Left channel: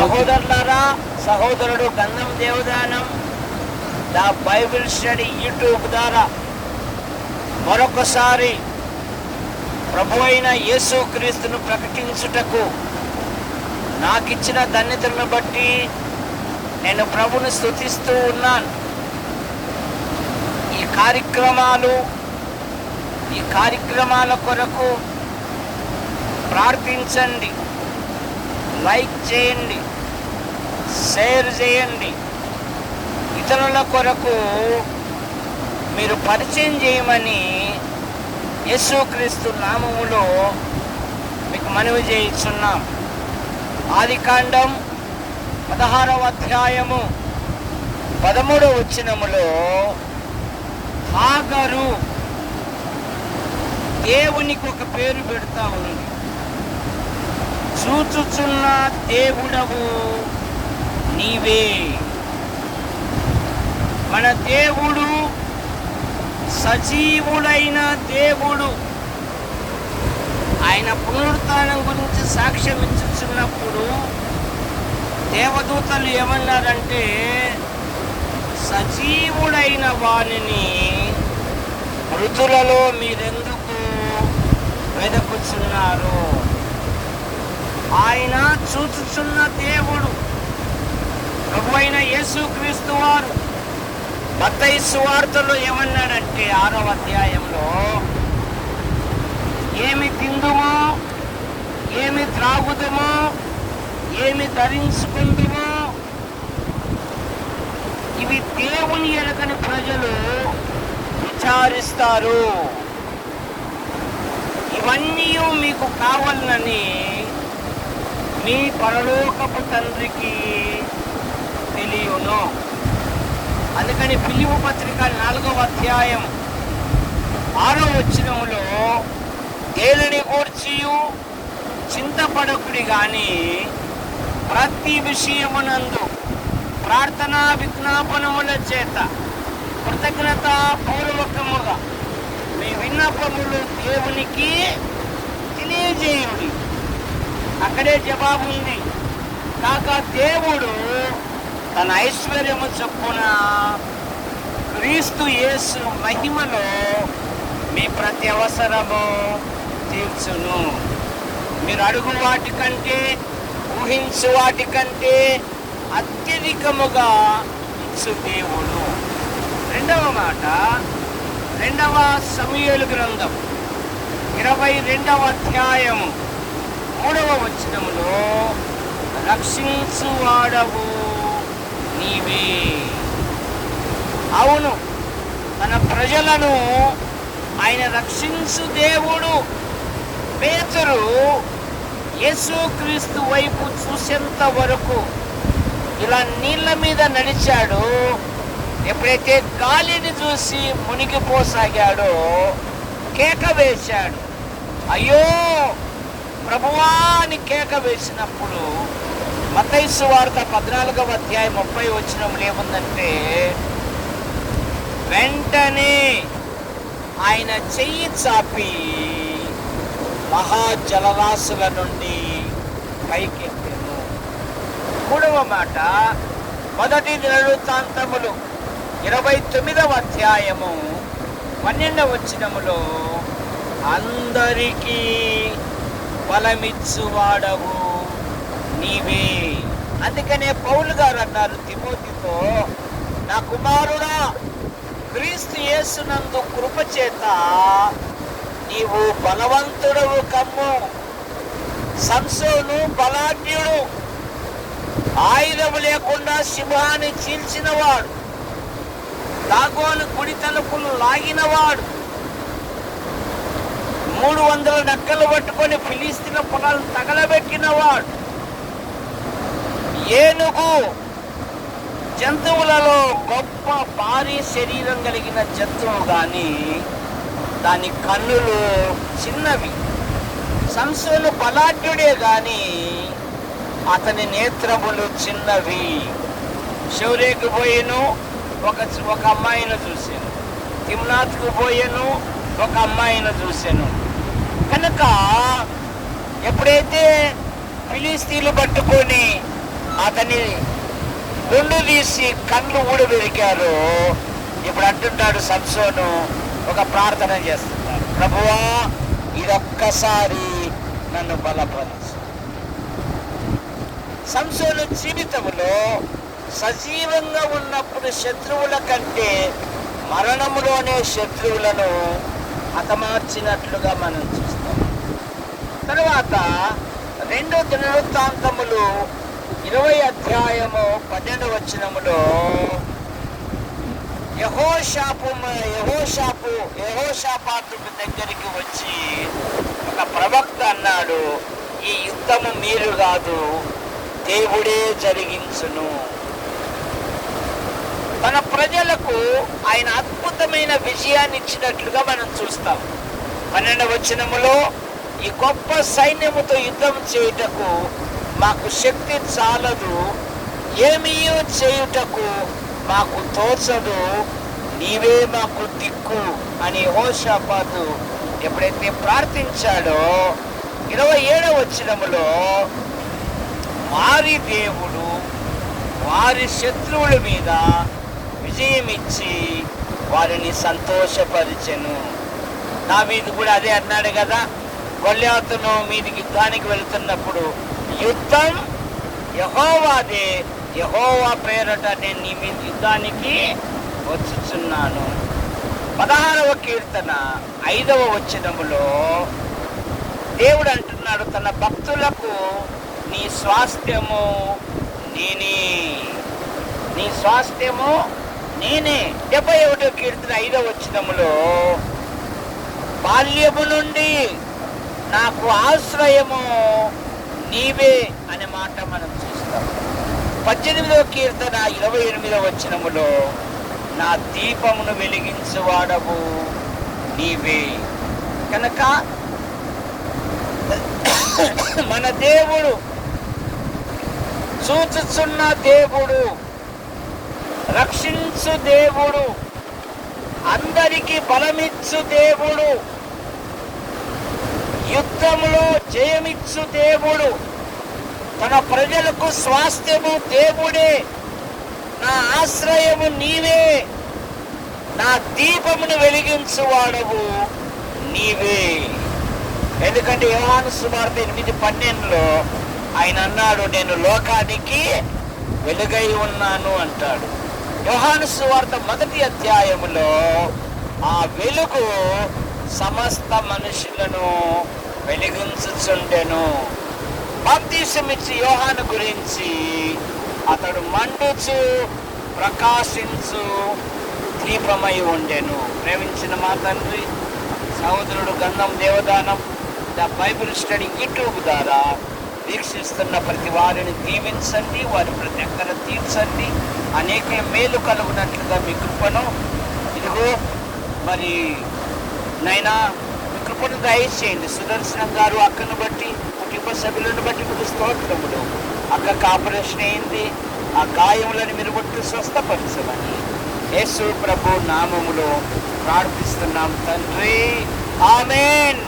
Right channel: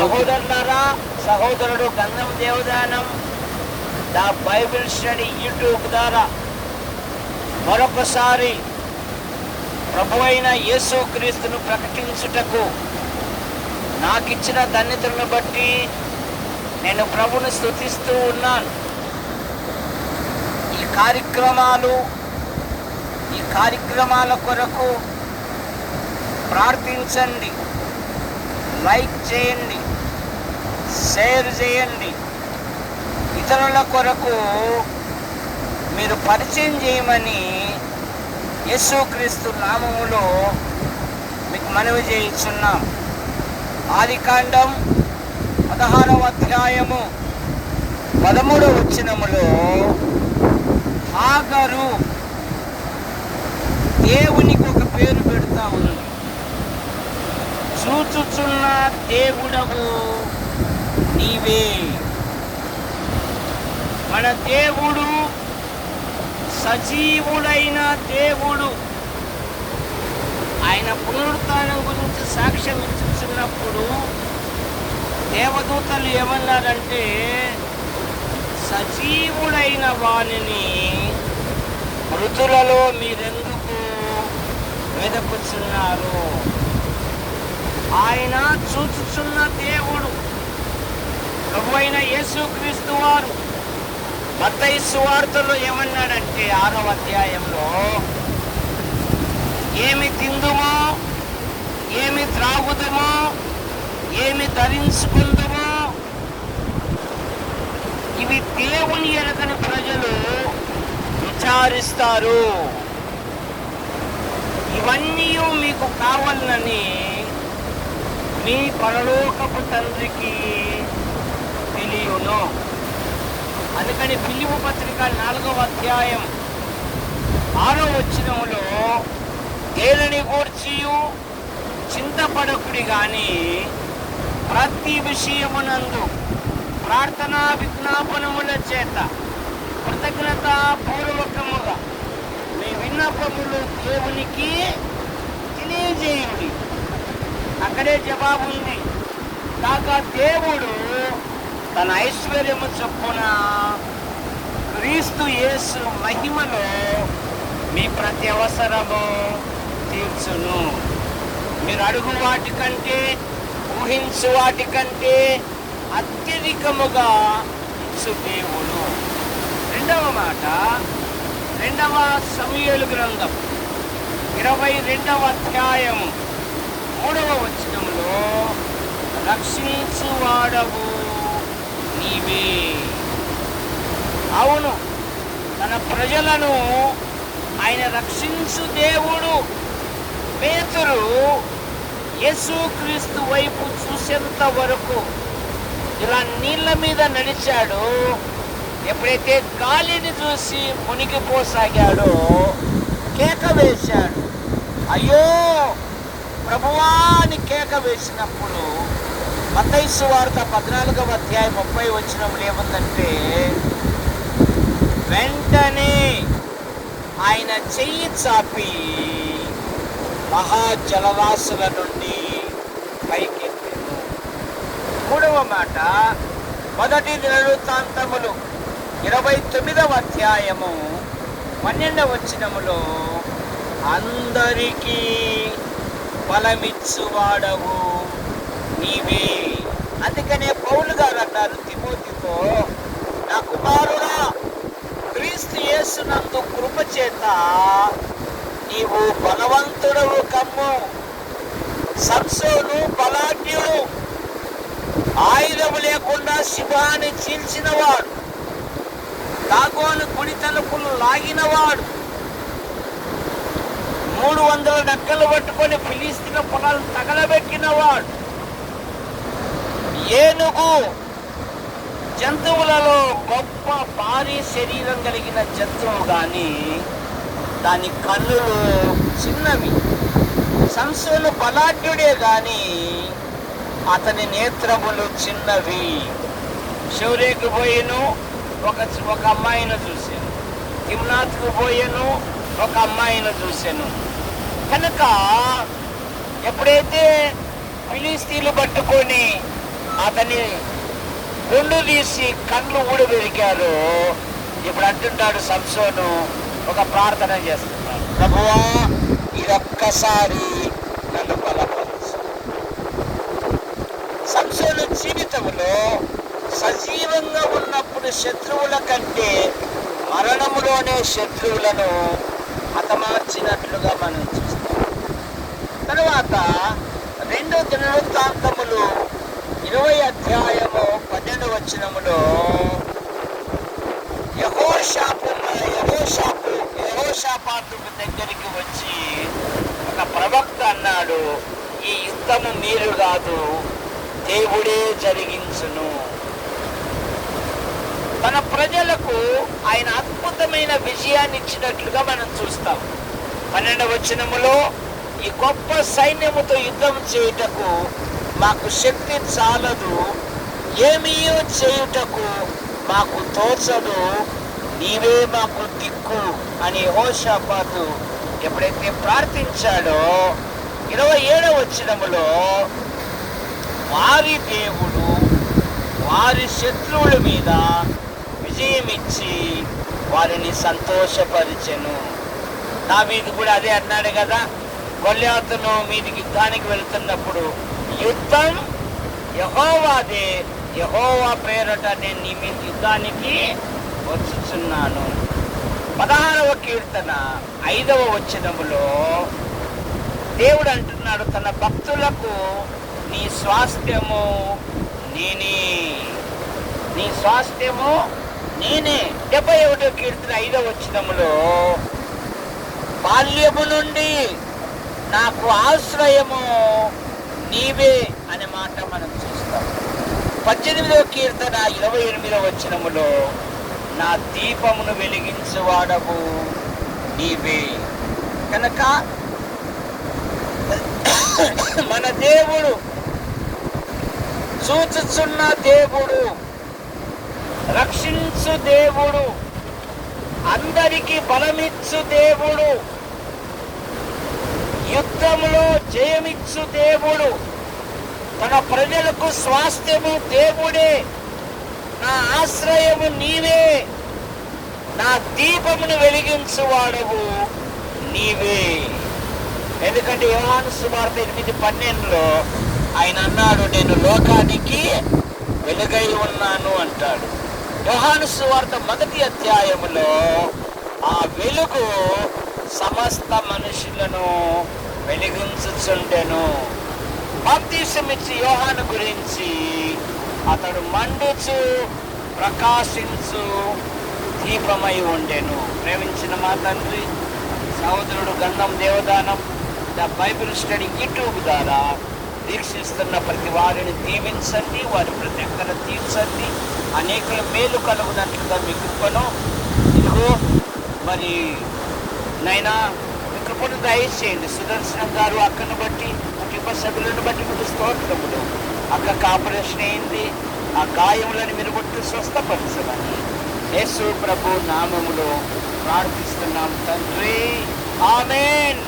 సహోదరులారా, సహోదరుడు గంధం Devadanam the Bible study YouTube ద్వారా మరొకసారి ప్రభు అయిన యేసుక్రీస్తును ప్రకటించుటకు నాకిచ్చిన ధన్యతలను బట్టి నేను ప్రభుని స్తుతిస్తూ ఉన్నాను. ఈ కార్యక్రమాల కొరకు ప్రార్థించండి, లైక్ చేయండి, షేర్ చేయండి. ఇతరుల కొరకు మీరు పరిచయం చేయమని యేసుక్రీస్తు నామములో మీకు మనవి చేయుచున్నాం. ఆదికాండం 16వ అధ్యాయము 13వ వచనములో హాగరు దేవునికి ఒక పేరు పెడతా ఉన్నది. చూచుచున్న దేవుడవు నీవే. మన దేవుడు సజీవుడైన దేవుడు. ఆయన పునరుత్థానం గురించి సాక్ష్యం ఇచ్చుచున్నప్పుడు దేవదూతలు ఏమన్నారంటే, సజీవుడైన వానిని మృతులలో మీరెందుకు వెదకుచున్నారు? ఆయన చూచుచున్న దేవుడు. ప్రభు అయిన యేసుక్రీస్తు వారు మత్తయి సువార్తలో ఏమన్నాడంటే 6వ అధ్యాయంలో, ఏమి తిందుము, ఏమి త్రాగుదుము, ఏమి ధరించుకుందుము, ఇవి దేవుని ఎరగని ప్రజలు విచారిస్తారు. ఇవన్నీ మీకు కావాలని మీ పరలోకపు తండ్రికి తెలియను. అందుకని ఫిలిప్పీ పత్రిక 4వ అధ్యాయం 6వ వచనములో, దేనిని గూర్చియు చింతపడకుడి గాని ప్రతి విషయమునందు ప్రార్థనా విజ్ఞాపనముల చేత కృతజ్ఞత పూర్వకముగా మీ విన్నపములు దేవునికి తెలియజేయండి. అక్కడే జవాబు ఉంది. కాక దేవుడు తన ఐశ్వర్యము చొప్పున క్రీస్తు యేసు మహిమలో మీ ప్రతి అవసరము తీర్చును. మీరు అడుగు వాటి కంటే, ఊహించు వాటి కంటే అత్యధికముగా ఇచ్చు దేవుడు. రెండవ మాట, 2వ సమూయేలు గ్రంథం 22వ అధ్యాయము 3వ వచనములో, రక్షించువాడవు నీవే. అవును, తన ప్రజలను ఆయన రక్షించు దేవుడు. పేతురు యేసుక్రీస్తు వైపు చూసేంత వరకు ఇలా నీళ్ళ మీద నడిచాడు. ఎప్పుడైతే గాలిని చూసి మునిగిపోసాగాడో కేక వేశాడు. అయ్యో ప్రభువా అని కేక వేసినప్పుడు మత్తయి సువార్త 14వ అధ్యాయం 30వ వచనంలో ఏముందంటే, వెంటనే ఆయన చెయ్యి చాపి మహాజలరాశుల నుండి పైకెత్తాడు. 3వ మాట, మొదటి దినవృత్తాంతములు 29వ అధ్యాయము 12వ వచనములో, అందరికీ ఫలమిచ్చువాడవు నీవే. అందుకనే పౌలు గారు అన్నారు తిమోతితో, నా కుమారుడా, క్రీస్తు యేసునందు కృప చేత నీవు బలవంతుడవు కమ్ము. సంసోను బలాఢ్యుడు, ఆయుధము లేకుండా సింహాన్ని చీల్చినవాడు, దాగోను కుడి తలుపులు లాగినవాడు, 300 నక్కలు పట్టుకొని ఫిలిస్తీన్ల పొలాలు తగలబెట్టినవాడు, ఏనుగు జంతువులలో గొప్ప భారీ శరీరం కలిగిన జంతువు కానీ దాని కన్నులు చిన్నవి. సంసోను బలాఢ్యుడే కానీ అతని నేత్రములు చిన్నవి. శౌర్యకు పోయేను, ఒక అమ్మాయిని చూశాను. తిమ్నాథ్కు పోయేను, ఒక అమ్మాయిని చూశాను. కనుక ఎప్పుడైతే ఫిలిస్తీన్లు పట్టుకొని అతని గుండు తీసి కళ్ళు ఊడబెరికారు. ఇప్పుడు అంటున్నాడు సంసోను, ఒక ప్రార్థన చేస్తున్నాడు, ప్రభువా ఇదొక్కసారి నన్ను బలపరచు. సంసోను జీవితంలో సజీవంగా ఉన్నప్పుడు శత్రువుల కంటే మరణములోనే శత్రువులను హతమార్చినట్లుగా మనం చూస్తాం. తర్వాత 2 దినవృత్తాంతములు 20 అధ్యాయము 12 వచనములో యెహోషాపాతు దగ్గరికి వచ్చి ఒక ప్రవక్త అన్నాడు, ఈ యుద్ధము మీరు కాదు, దేవుడే జరిగించును. తన ప్రజలకు ఆయన అద్భుతమైన విజయాన్ని ఇచ్చినట్లుగా మనం చూస్తాం. 12వ వచనములో, ఈ గొప్ప సైన్యముతో యుద్ధం చేయుటకు మాకు శక్తి చాలదు, ఏమీ చేయుటకు మాకు తోచదు, నీవే మాకు దిక్కు అని యెహోషాపాతు ఎప్పుడైతే ప్రార్థించాడో 27వ వచనములో, వారి దేవుడు వారి శత్రువుల మీద విజయమిచ్చి వారిని సంతోషపరిచెను. దావీదు కూడా అదే అన్నాడు కదా, గొల్యాతును మీదికి యుద్ధానికి వెళ్తున్నప్పుడు, యుద్ధం యెహోవాదే, యెహోవా పేరట నేను నీ మీద యుద్ధానికి వచ్చుచున్నాను. 16వ కీర్తన 5వ వచనములో దేవుడు అంటున్నాడు, తన భక్తులకు నీ స్వాస్థ్యము నేనే, నీ స్వాస్థ్యము నేనే. 71వ కీర్తన 5వ వచనములో, బాల్యము నుండి నాకు ఆశ్రయము నీవే అనే మాట మనం చూస్తాం. 18వ కీర్తన 28వ వచనములో, నా దీపమును వెలిగించువాడవు నీవే. కనుక మన దేవుడు చూచుచున్న దేవుడు, రక్షించు దేవుడు, అందరికీ బలమిచ్చు దేవుడు, యుద్ధములో జయమిచ్చు దేవుడు, మన ప్రజలకు స్వాస్థ్యము దేవుడే, నా ఆశ్రయము నీవే, నా దీపమును వెలిగించువాడవు నీవే. ఎందుకంటే యోహాను సువార్త 8:12లో ఆయన అన్నాడు, నేను లోకానికి వెలుగై ఉన్నాను అంటాడు. యోహాను సువార్త 1వ అధ్యాయములో ఆ వెలుగు సమస్త మనుషులను వెలిగించుచుండెను. బాప్తిసమిచ్చి యోహాను గురించి, అతడు మండుచు ప్రకాశించు దీపమై ఉండెను. ప్రేమించిన మా తండ్రి, సహోదరుడు గంధం Devadanam the Bible study YouTube ద్వారా వీక్షిస్తున్న ప్రతి వారిని దీవించండి, వారి ప్రతి అక్కర తీర్చండి, అనేకుల మేలు కలుగునట్లుగా మీ కృపను, ఇదిగో మరి నైనా మీ కృపను దయచేయండి. సుదర్శనం గారు అక్కను బట్టి, కుటుంబ సభ్యులను బట్టి మీకు స్తోత్రములు. అక్కకు ఆపరేషన్ అయింది, ఆ గాయములను మీరు బట్టి స్వస్థపరచమని యేసు ప్రభు నామములో ప్రార్థిస్తున్నాం తండ్రి, ఆమేన్.